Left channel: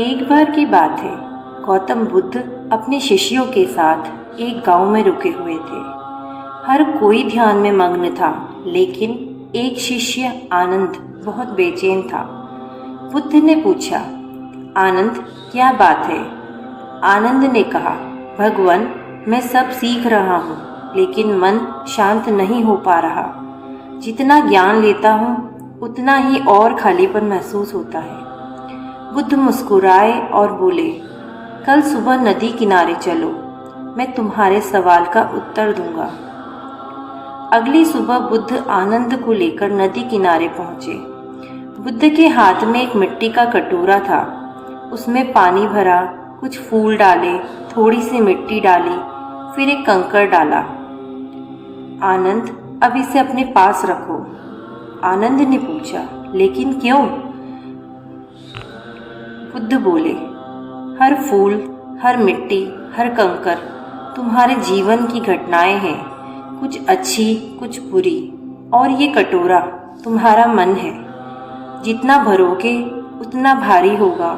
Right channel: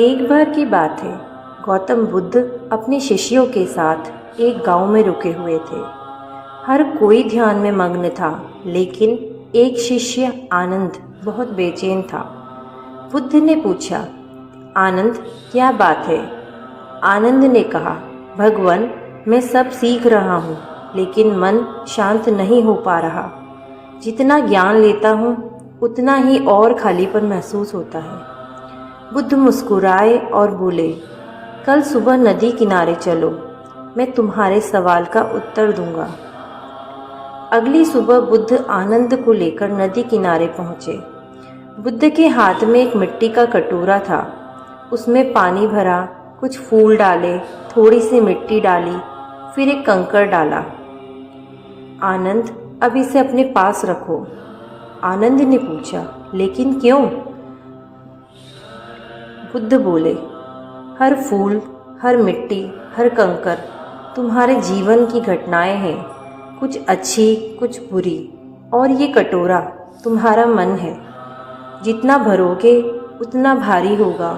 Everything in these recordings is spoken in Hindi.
एक बार की बात है। गौतम बुद्ध अपने शिष्यों के साथ एक गांव में रुके हुए थे। हर कोई ध्यान में मग्न था, लेकिन एक शिष्य आनंद बहुत बेचैन था। बुद्ध ने पूछा, आनंद, क्या बात है? आनंद ने कहा, भगवान, मैं सब सीख रहा हूँ, लेकिन मन शांत नहीं हो पा रहा। जितना ज्ञान लेता हूँ, उतना ही और खालीपन महसूस होता है। बुद्ध मुस्कुराए और बोले, कल सुबह नदी किनारे चलो, मैं तुम्हारे सवाल का उत्तर दूंगा। अगली सुबह बुद्ध आनंद को लेकर नदी किनारे पहुंचे। बुद्ध के हाथ में एक मिट्टी का कटोरा था। उसमें पानी भरा, कुछ फूल डाले, थोड़ी सी मिट्टी डाली, फिर एक कंकड़ डाला। आनंद, अब इसे अपने पास रखो। आनंद ने पूछा, लेकिन क्यों? बुद्ध बोले, हर फूल, हर मिट्टी, हर कंकर तुम्हारे जीवन की घटनाएं हैं, कुछ अच्छी, कुछ बुरी, और ये कटोरा तुम्हारा मन है। जितना भरोगे उतना भारी होगा,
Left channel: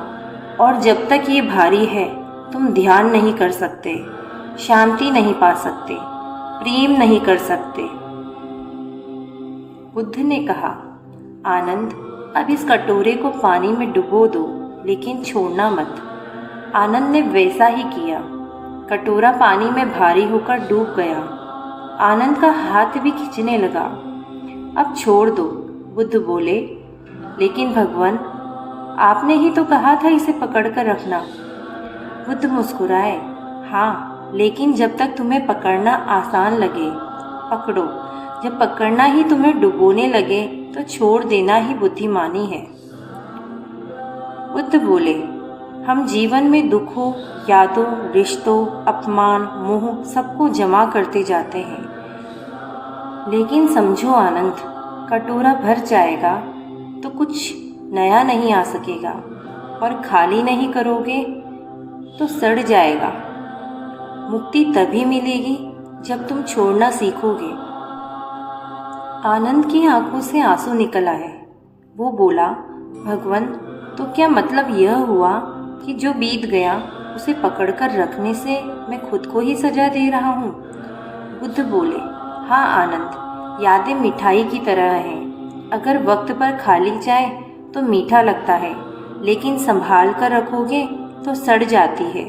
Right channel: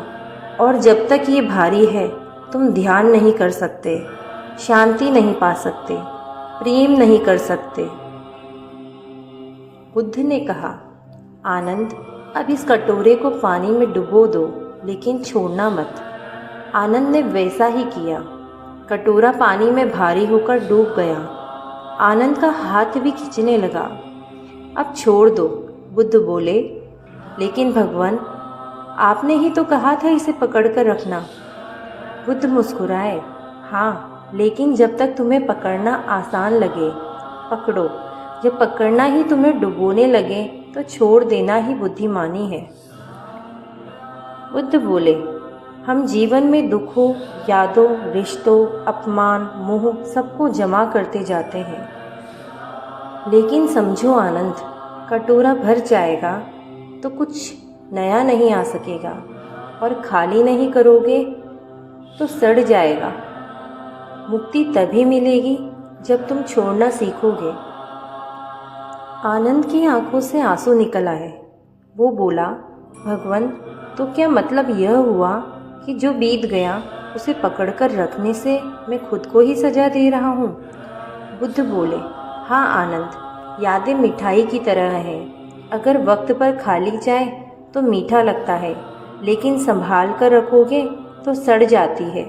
और जब तक ये भारी है तुम ध्यान नहीं कर सकते, शांति नहीं पा सकते, प्रेम नहीं कर सकते। बुद्ध ने कहा, आनंद, अब इस कटोरे को पानी में डुबो दो, लेकिन छोड़ना मत। आनंद ने वैसा ही किया। कटोरा पानी में भारी होकर डूब गया। आनंद का हाथ भी खींचने लगा। अब छोड़ दो, बुद्ध बोले। लेकिन भगवान, आपने ही तो कहा था इसे पकड़कर रखना। बुद्ध मुस्कुराए, हाँ, लेकिन जब तक तुम्हें पकड़ना आसान लगे, पकड़ो। जब पकड़ना ही तुम्हें डुबोने लगे, तो छोड़ देना ही बुद्धिमानी है। बुद्ध बोले, हम जीवन में दुखों, यादों, रिश्तों, अपमान, मोह सबको जमा करते जाते हैं। लेकिन समझो आनंद, कटोरा भर जाएगा तो कुछ नया नहीं आ सकेगा, और खाली नहीं करोगे तो सड़ जाएगा। मुक्ति तभी मिलेगी जब तुम छोड़ना सीखोगे। आनंद की आंखों से आंसू निकल आए। वो बोला, भगवान, तो क्या मतलब यह हुआ कि जो बीत गया उसे पकड़कर रखने से मैं खुद को ही सजा दे रहा हूँ? बुद्ध बोले, हाँ आनंद, यादें मिठाई की तरह हैं। अगर वक्त पर खा ली जाए तो मीठा लगता है, लेकिन संभाल कर रखोगे तो सड़ जाती है।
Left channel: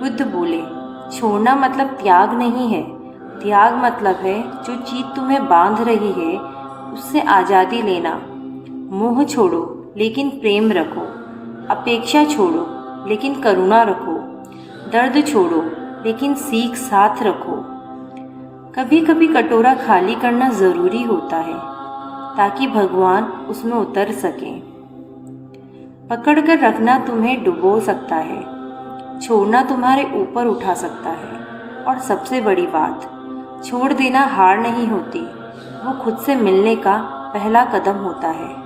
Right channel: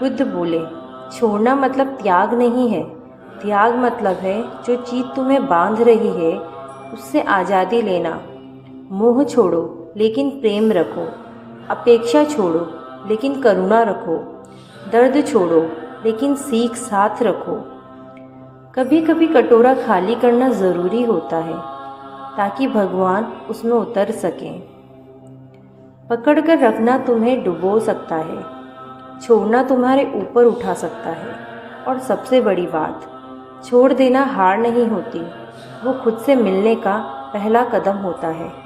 बुद्ध बोले, छोड़ना मतलब त्याग नहीं है। त्याग मतलब है जो चीज़ तुम्हें बांध रही है उससे आज़ादी लेना। मोह छोड़ो, लेकिन प्रेम रखो। अपेक्षा छोड़ो, लेकिन करुणा रखो। दर्द छोड़ो, लेकिन सीख साथ रखो। कभी कभी कटोरा खाली करना ज़रूरी होता है, ताकि भगवान उसमें उतर सकें। पकड़ कर रखना तुम्हें डुबो सकता है, छोड़ना तुम्हारे ऊपर उठा सकता है। और सबसे बड़ी बात, छोड़ देना हार नहीं होती, वो खुद से मिलने का पहला कदम होता है।